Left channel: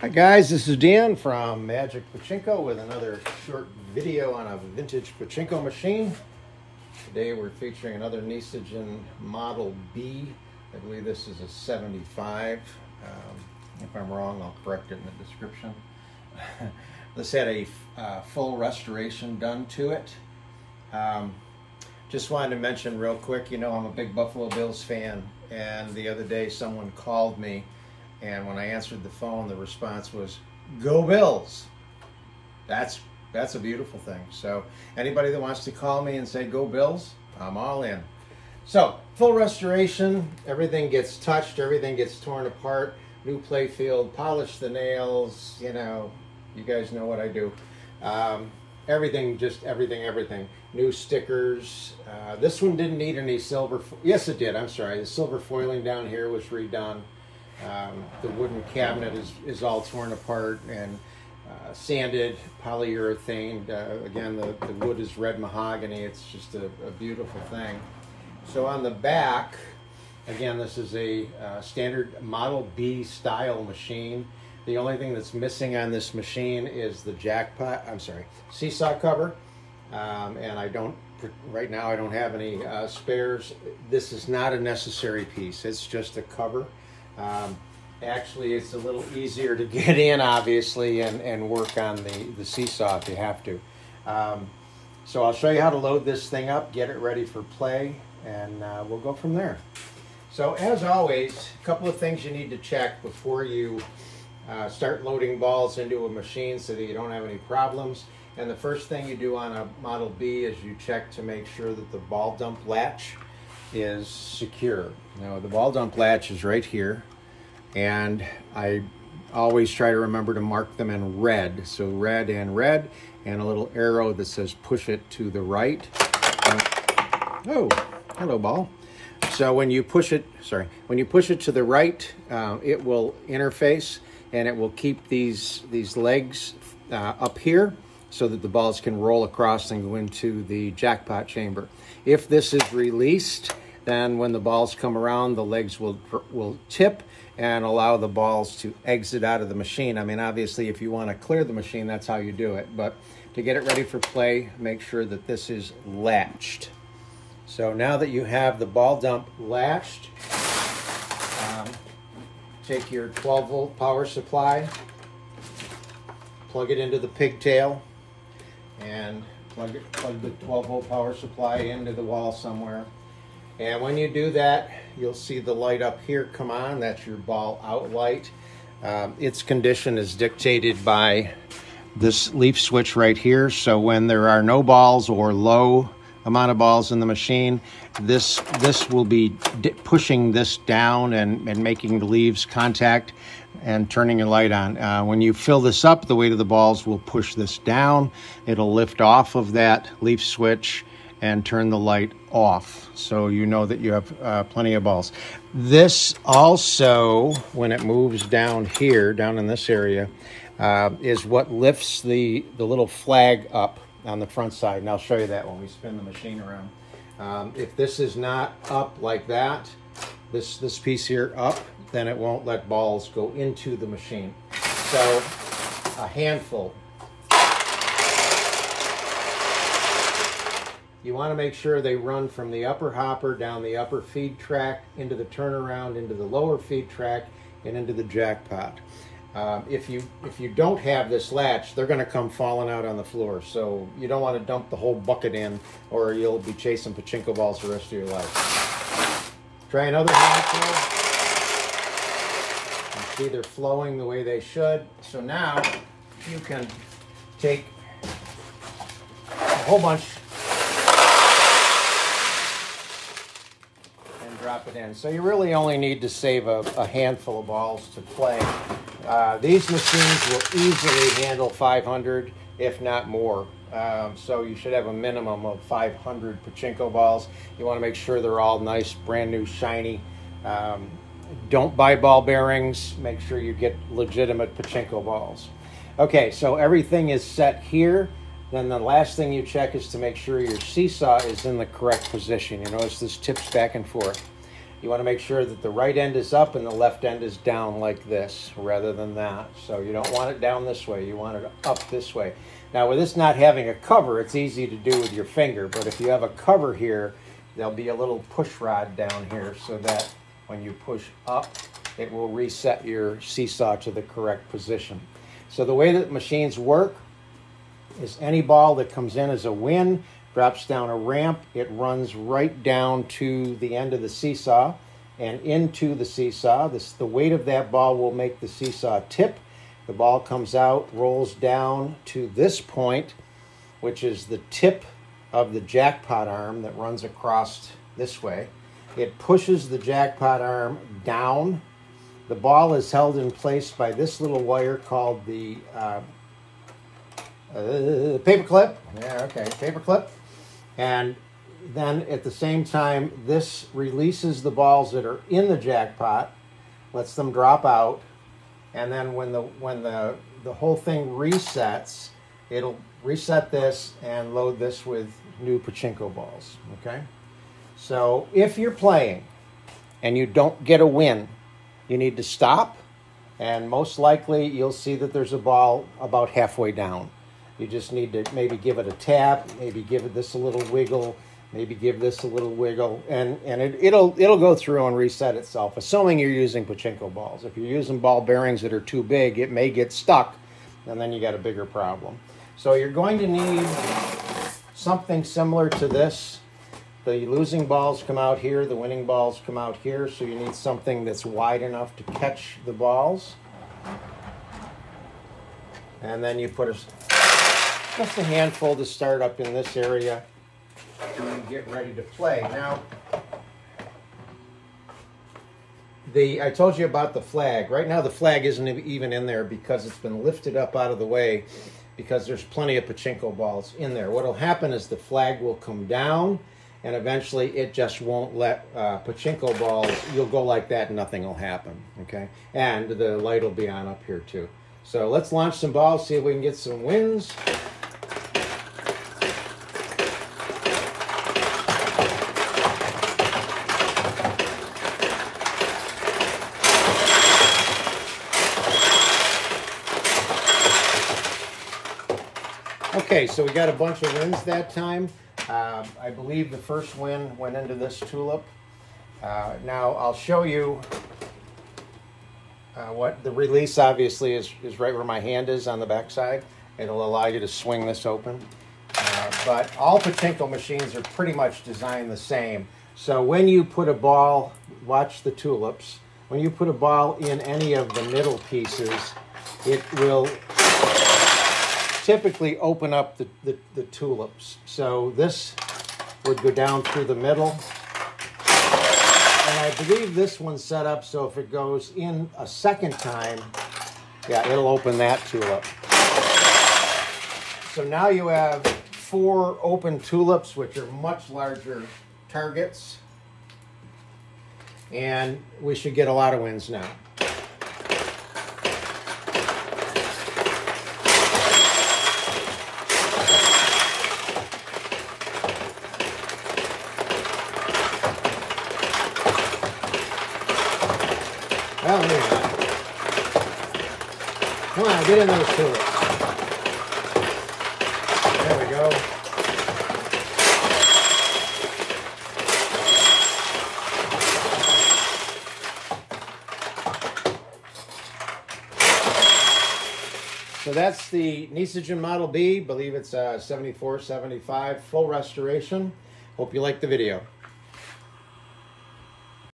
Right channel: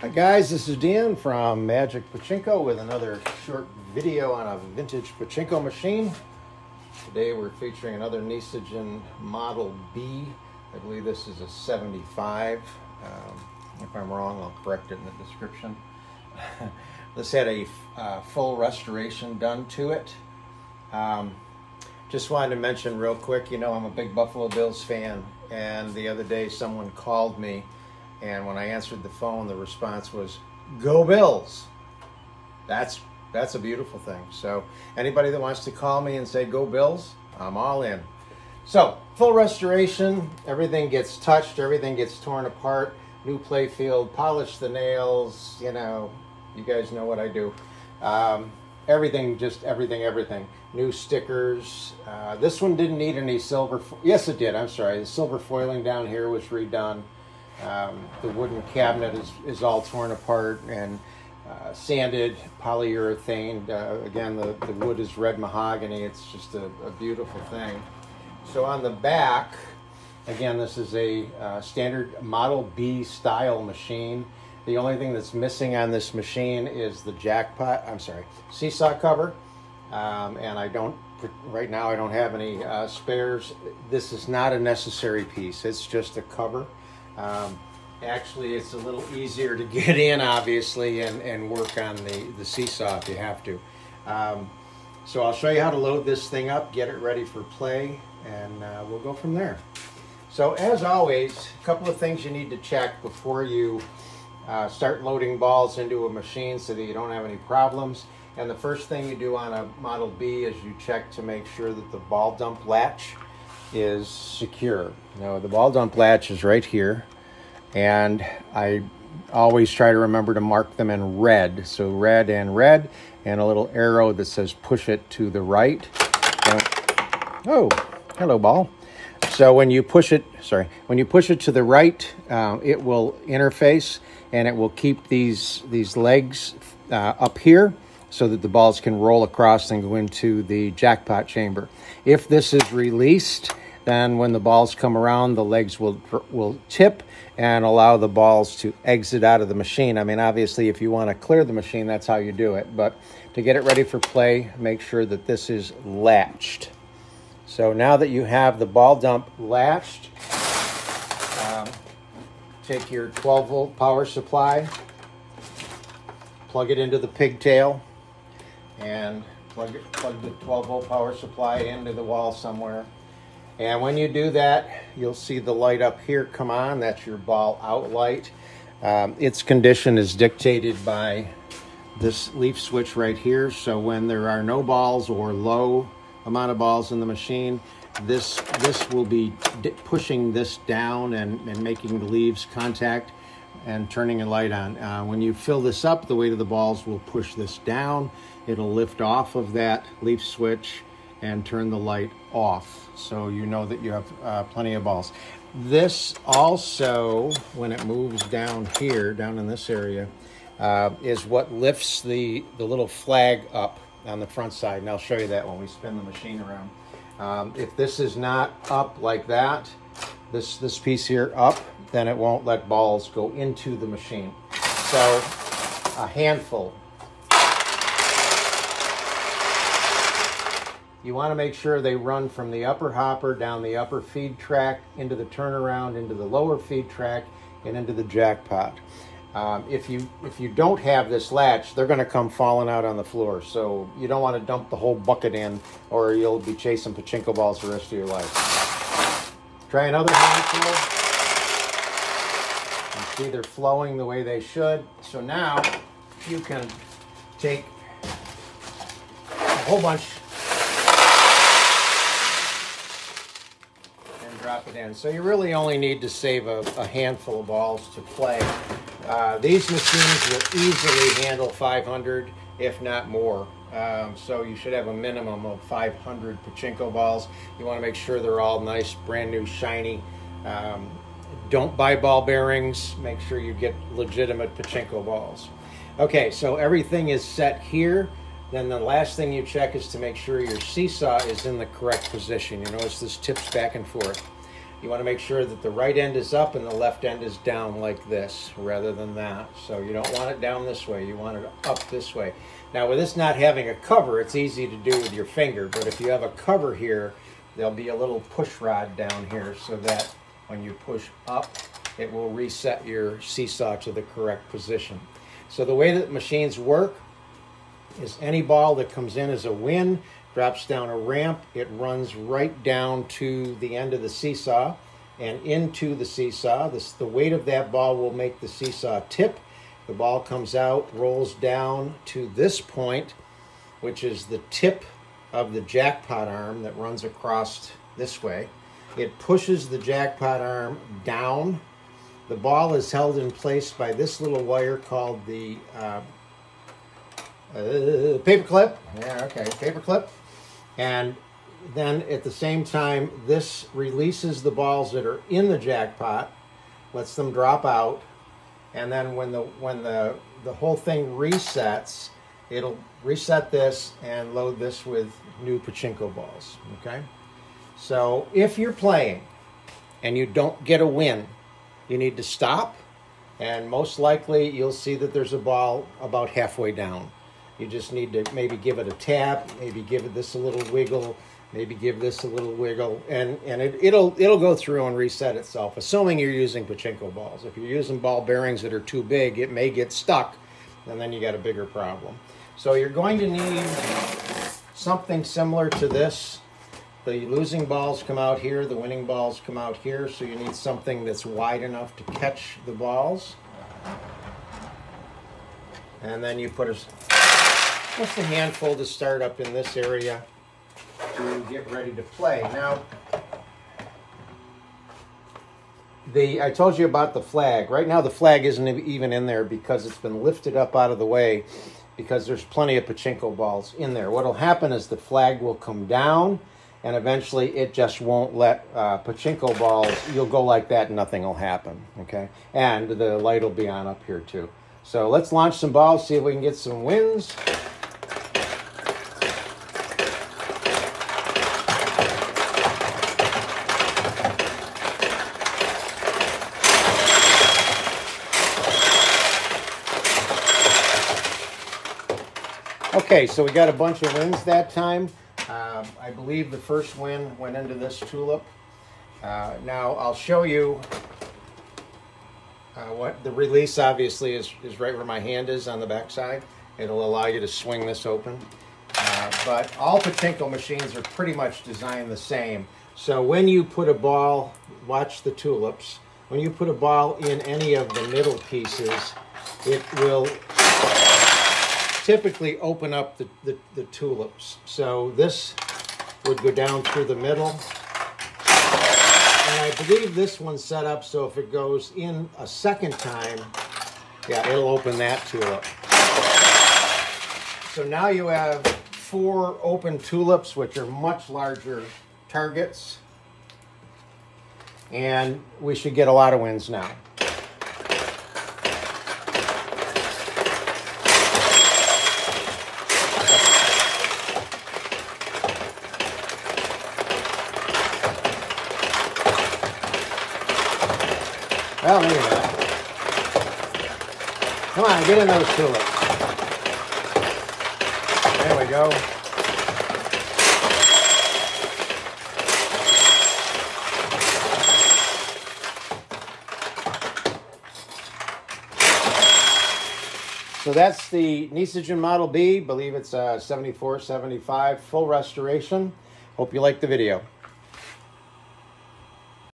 Hi guys, this is Dan from Magic Pachinko with another short video on a vintage Pachinko machine. Today we're featuring another Nisijin Model B. I believe this is a 75. If I'm wrong, I'll correct it in the description. This had a full restoration done to it. Just wanted to mention real quick, you know, I'm a big Buffalo Bills fan, and the other day someone called me, and when I answered the phone, the response was, "Go Bills!" That's a beautiful thing. So anybody that wants to call me and say, "Go Bills," I'm all in. So full restoration, everything gets touched, everything gets torn apart, new play field, polish the nails, you know, you guys know what I do. Everything, just everything. New stickers. This one didn't need any silver. Yes, it did. I'm sorry. The silver foiling down here was redone. The wooden cabinet is all torn apart and sanded, polyurethane. Again, the wood is red mahogany. It's just a beautiful thing. So on the back, again, this is a standard Model B style machine. The only thing that's missing on this machine is the seesaw cover. And right now I don't have any spares. This is not a necessary piece. It's just a cover. Actually, it's a little easier to get in, obviously, and work on the seesaw if you have to. So I'll show you how to load this thing up, get it ready for play, and we'll go from there. So as always, a couple of things you need to check before you start loading balls into a machine so that you don't have any problems. And the first thing you do on a Model B is you check to make sure that the ball dump latch is secure. Now, the ball dump latch is right here, and I always try to remember to mark them in red. So red, and a little arrow that says push it to the right. And, oh, hello, ball. So when you push it, to the right, it will interface, and it will keep these legs up here so that the balls can roll across and go into the jackpot chamber. If this is released, then when the balls come around, the legs will tip and allow the balls to exit out of the machine. I mean, obviously, if you want to clear the machine, that's how you do it. But to get it ready for play, make sure that this is latched. So now that you have the ball dump latched, take your 12-volt power supply, plug it into the pigtail, and plug the 12-volt power supply into the wall somewhere. And when you do that, you'll see the light up here come on. That's your ball out light. Its condition is dictated by this leaf switch right here. So when there are no balls or low amount of balls in the machine, this will be pushing this down and making the leaves contact and turning your light on. When you fill this up, the weight of the balls will push this down. It'll lift off of that leaf switch and turn the light off, so you know that you have plenty of balls. This also, when it moves down here, down in this area, is what lifts the little flag up on the front side, and I'll show you that when we spin the machine around. If this is not up like that, this piece here up, then it won't let balls go into the machine. So a handful. You want to make sure they run from the upper hopper down the upper feed track into the turnaround, into the lower feed track, and into the jackpot. If you don't have this latch, they're going to come falling out on the floor. So you don't want to dump the whole bucket in, or you'll be chasing Pachinko balls the rest of your life. Try another handful. You see they're flowing the way they should. So now you can take a whole bunch and drop it in. So you really only need to save a handful of balls to play. These machines will easily handle 500, if not more. So you should have a minimum of 500 Pachinko balls. You want to make sure they're all nice, brand new, shiny. Don't buy ball bearings. Make sure you get legitimate Pachinko balls. Okay, so everything is set here. Then the last thing you check is to make sure your seesaw is in the correct position. You notice this tips back and forth. You want to make sure that the right end is up and the left end is down like this rather than that. So you don't want it down this way, you want it up this way. Now with this not having a cover, it's easy to do with your finger, but if you have a cover here, there'll be a little push rod down here so that when you push up, it will reset your seesaw to the correct position. So the way that machines work is any ball that comes in as a win, drops down a ramp, it runs right down to the end of the seesaw and into the seesaw. The weight of that ball will make the seesaw tip. The ball comes out, rolls down to this point, which is the tip of the jackpot arm that runs across this way. It pushes the jackpot arm down. The ball is held in place by this little wire called the paper clip. Yeah, okay, paper clip. And then at the same time, this releases the balls that are in the jackpot, lets them drop out, and then when the whole thing resets, it'll reset this and load this with new pachinko balls, okay? So if you're playing and you don't get a win, you need to stop, and most likely you'll see that there's a ball about halfway down. You just need to maybe give it a tap, maybe give it this a little wiggle, maybe give this a little wiggle, and it'll go through and reset itself, assuming you're using pachinko balls. If you're using ball bearings that are too big, it may get stuck, and then you got a bigger problem. So you're going to need something similar to this. The losing balls come out here, the winning balls come out here, so you need something that's wide enough to catch the balls. And then you put just a handful to start up in this area and get ready to play. Now, I told you about the flag. Right now the flag isn't even in there because it's been lifted up out of the way because there's plenty of pachinko balls in there. What'll happen is the flag will come down and eventually it just won't let pachinko balls, you'll go like that and nothing will happen, okay? And the light will be on up here too. So let's launch some balls, see if we can get some wins. Okay, so we got a bunch of wins that time. I believe the first win went into this tulip. Now I'll show you what the release obviously is right where my hand is on the back side. It'll allow you to swing this open. But all pachinko machines are pretty much designed the same. So when you put a ball, watch the tulips, when you put a ball in any of the middle pieces, it will typically open up the tulips. So this would go down through the middle. And I believe this one's set up so if it goes in a second time, yeah, it'll open that tulip. So now you have 4 open tulips, which are much larger targets. And we should get a lot of wins now. Well, wait a minute. Come on, get in those tulips. There we go. So that's the Nisijin Model B. I believe it's 74, 75, full restoration. Hope you liked the video.